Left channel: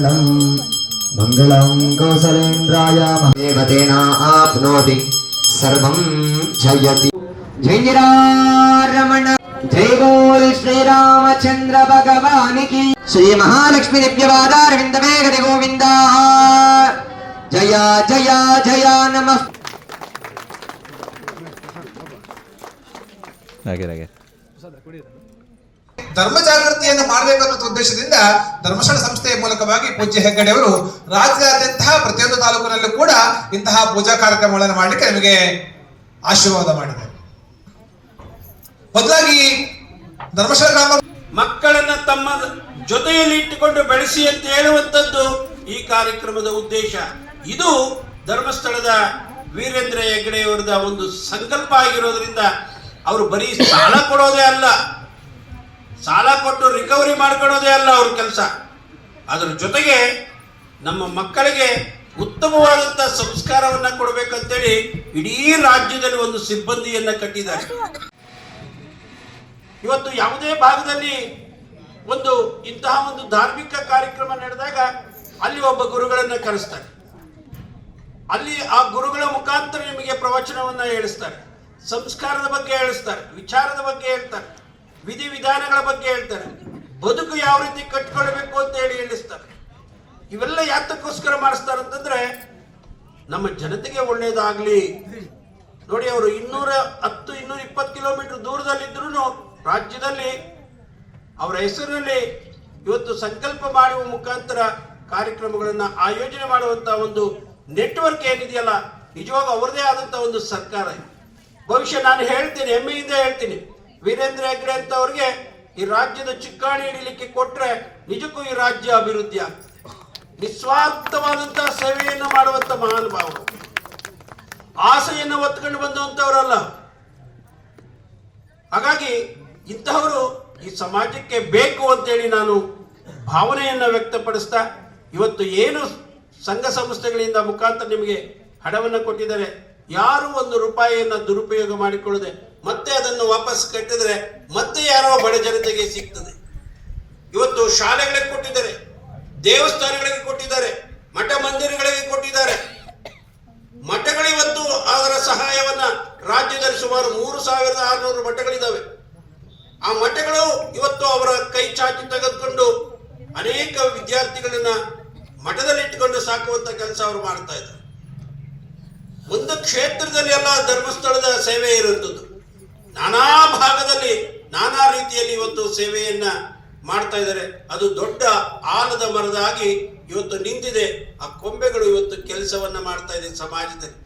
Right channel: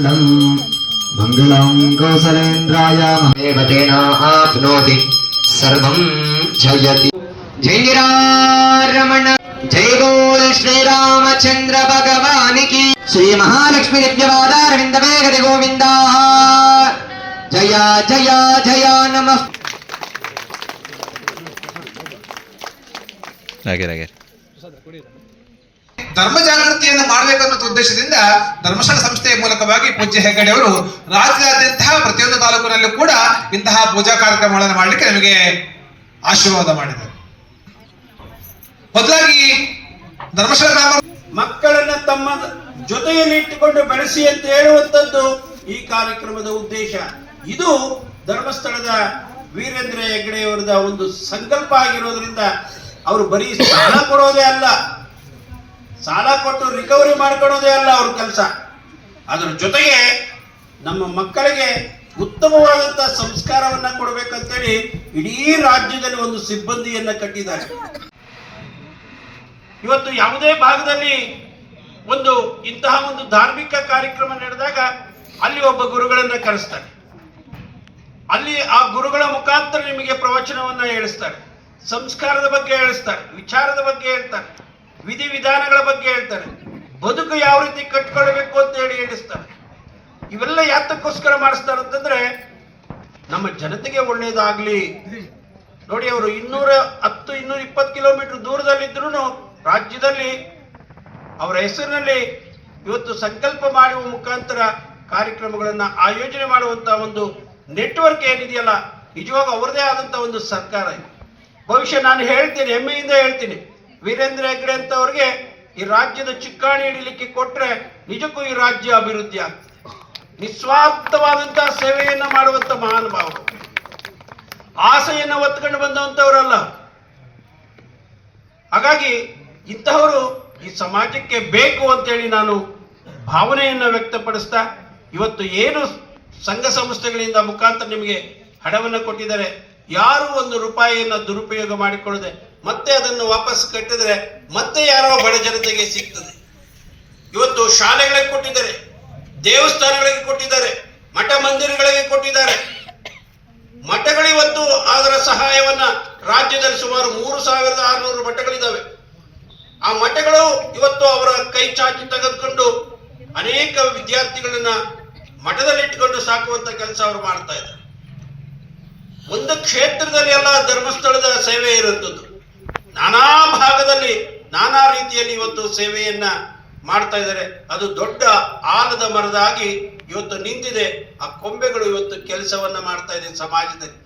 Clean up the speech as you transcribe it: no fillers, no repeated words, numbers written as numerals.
मंगलं कौसलेन्द्राय देवतेन आप्नोति सर्वं जयति। जय रमण जय बोल श्री रामचंद्र भगवान की। श्री महालक्ष्मी दिव्यवादारविंद वेगद गोविंद जय जय जय नमः। ಧರ್ಮ ಜಾಗೃತಿಯನ್ನು ಮಾಡಬೇಕನ್ನೋ ಉದ್ದೇಶದಿಂದ ಧರ್ಮಸ್ಥಳ ಸಂಸ್ಥೆಯ ಮೂಲಕವಾಗಿ ಪೂಜ್ಯ ಹೆಗ್ಗಡೆ ಅವರು ರಾಜ್ಯಾದ್ಯಂತ ಪ್ರತಿಯೊಂದು ತಾಲೂಕಿನಲ್ಲೂ ಕೂಡ ಇಂತಹ ಪೂಜಾ ಕಾರ್ಯಕ್ರಮಗಳನ್ನು ಮಾಡಲಿಕ್ಕೆ ನಮಗೆ ಆಶೀರ್ವಾದ ಮಾಡಿದ್ದಾರೆ. ಮೊದಲಾಗಿ ಧರ್ಮಸ್ಥಳ ಗ್ರಾಮ ಮಕ್ಕಳನ್ನ ತಮ್ಮ ಜೊತೆಯಲ್ಲಿ ಇಟ್ಟುಕೊಂಡು ಬೆಳೆಸಿ ಅಂತ ಹೇಳುವಂತದ್ದು ಈ ಕಾರ್ಯಕ್ರಮದ ಉದ್ದೇಶ. ಇದು ಧರ್ಮಸ್ಥಳದ ವೀರೇಂದ್ರ ಹೆಗ್ಗಡೆಯವರದ ಒಂದು ಸಂಕಲ್ಪ ಆಗಿರೋದ್ರಿಂದ ಅವರು ಬರೀ ಸಾಲ ಕೊಡೋದೇ ಅಲ್ಲ, ಸಾಲ ಕೊಟ್ಟು ರಿಕವರಿ ಮಾಡ್ಕೊಳ್ಳೋದೇ ಅಲ್ಲ ಅವ್ರ ಕೆಲಸ. ಅದರ ಜೊತೆಗೆ ನಮ್ಮ ಮಕ್ಕಳಿಗೆ ಉತ್ತಮವಾದಂತ ಸಂಸ್ಕಾರವನ್ನ ಕೊಡಬೇಕಂತೇಳಿ ಇಡೀ ರಾಜ್ಯದಲ್ಲಿ ಒಂದು ಸಿಬ್ಬಂದಿಯನ್ನ ಕಟ್ಟಿದ್ದಾರೆ. ಇವತ್ತು ಯಾವುದೇ ಭಾಗದಲ್ಲಿ ಒಂದು ಇಂತಹ ಒಂದು ಧಾರ್ಮಿಕ ಕಾರ್ಯಕ್ರಮ ನಡೆದಾಗ ಅಲ್ಲಿ ಒಬ್ಬ ಗುರುಗಳನ್ನ ಕರೆಸ್ತಾರೆ. ಅಲ್ಲಿ ಆ ಗುರುಗಳ ಮುಖಾಂತರ ನಿಮಗೆ ಪ್ರವಚನವನ್ನ ಹೇಳಿಸ್ತಾರೆ, ಸಂಸ್ಕಾರದ ಬಗ್ಗೆ ಹೇಳಿಸ್ತಾರೆ, ವಿಚಾರದ ಬಗ್ಗೆ ಹೇಳ್ತಾರೆ, ವಿಧಿ ವಿಧಾನಗಳ ಬಗ್ಗೆ ಹೇಳ್ತಾರೆ, ಬದುಕು ಯಾವ ರೀತಿ ಕಟ್ಕೊಳ್ಬೇಕು ಅಂತ ಹೇಳಿ ಹೇಳಿಸ್ತಾರೆ. ಇವೆಲ್ಲ ಯಾತಕ್ಕೋಸ್ಕರ ಮಾಡಿಸ್ತಾರೆ ಅಂತಂದ್ರೆ ನಮ್ಮ ಜನತೆಗೆ ಒಳ್ಳೇದಾಗ್ಲಿ. ನೋಡಿ, ಅವರು 210-220 ಕಿಲೋಮೀಟರ್ ದೂರದಲ್ಲಿದ್ರು ರಾಜ್ಯದಲ್ಲಿ ಅವರ ಹೆಸರಿನಲ್ಲಿ ಇವತ್ತು ಸಂಕಲ್ಪ ಮಾಡುವ ಮುಖಾಂತರ ಕಾರ್ಯಕ್ರಮಗಳನ್ನ ಆಯೋಜನೆ ಮಾಡುವಂತ ಒಂದು ನೆಟ್ವರ್ಕ್ ಏನಿದೆಯಲ್ಲ, ನಿಜವಾಗ ಅವರದೇ ಆದಂತ ಒಂದು ಸರ್ಕಾರ. ಭವಿಷ್ಯ ನಾನು ಹೇಳ್ತೀನಿ, ಹೆಮ್ಮೆಯಿಂದ ಹೇಳ್ತೀನಿ, ವೀರೇಂದ್ರ ಹೆಗ್ಗಡೆ ಅಂತ ಅವ್ರಿಗೆ ಈ ರಾಜ್ಯದ ಚುಕ್ಕಾಣಿ ಹಿಡಿಲಿಕ್ಕೆ ಕೊಟ್ರೆ ನಿಜಕ್ಕೂ ಈ ರಾಜ್ಯ ಅಭಿವೃದ್ಧಿ ಆಗ್ತದೆ. ನಿಸ್ವಾರ್ಥವಾದಂತಹ ಸೇವೆಯನ್ನ ಮಾಡುವಂತ ಮಹಾನುಭಾವರು, ಆಸೆಯನ್ನ ಹೊತ್ಕೊಂಡು ಬಂದಂತವರಲ್ಲ. ಹಾಗಾಗಿ ಇಂತಹವರು ಈ ಸಮಾಜಕ್ಕೆ ಬೇಕು ಅಂತೇಳಿ ನಾನು ಭಾವನೆಯನ್ನ ವ್ಯಕ್ತಪಡಿಸ್ತಾ, ಇವತ್ತು ಏನು ಸಂಘ ಸಂಸ್ಥೆಗಳಿಂದ ಮುಖಾಂತರ ನಿಮಗೆ ಹಣವನ್ನು ಕೊಟ್ಟಿದ್ದಾರೆ, ಯಾರು ₹1 ದುರುಪಯೋಗ ಮಾಡಿಕೊಳ್ಳದೆ ಮತ್ತೆ ಅದನ್ನು ವಾಪಸ್ ಕಟ್ಟಿದ್ರೆ ಮತ್ತೆ ಯಾರೋ ಬಡ ಜನತೆಗೆ ಸಿಗ್ತದೆ. ಇವತ್ತು ಶಾಲೆಗಳಿಗೆ ಕೊಟ್ಟಿದ್ದಾರೆ, ದೇವಸ್ಥಾನಗಳಿಗೆ ಕೊಟ್ಟಿದ್ದಾರೆ, ಮಠ ಮಂದಿರಗಳಿಗೆ ಕೊಟ್ಟಿದ್ದಾರೆ. ಮಠಗಳಿವತ್ತು ಅದರ ಸಹಾಯವನ್ನ ರಾಜ್ಯದಲ್ಲಿ ಸುಮಾರು 3600 ಮಠಗಳಿದ್ದಾವೆ. ಆ ಮಠಗಳು ಇವತ್ತು ಅವರ ಕೈ ಚಾಚಿ ತೆಗೆದುಕೊಂಡು ಅನೇಕ ವಿದ್ಯಾರ್ಥಿಗಳನ್ನ ಮಠದಲ್ಲಿ ಇಟ್ಟುಕೊಂಡು ಸಾಕುವಂತ ಕೆಲಸ ಅವರು ಮಾಡ್ತಾ ಇದ್ದಾರೆ. ಒಂದು ಕ್ಷೇತ್ರದಲ್ಲಿ ಎಲ್ಲ ಧರ್ಮಸ್ಥಳದ ಸೇವೆ ಇರುವಂಥದ್ದು, ನಾನಾ ಭಾಗದಲ್ಲಿ ನಾನಾ ರೀತಿಯಲ್ಲಿ ಇವತ್ತು ಸೇವೆಯನ್ನ ಮಾಡ್ತಾ ಇದ್ದಾರೆ. ಅದು ದೊಡ್ಡ ಆಲದ ಮರದಾಗಿ ಇವತ್ತು ನಿಂತಿದೆ. ಆ ಕೊಂಬೆಗಳು ಇವತ್ತು ಕೆಲಸವನ್ನ ಮಾಡ್ತಾ ಇದೆ ಸಮಾಜದಲ್ಲಿ.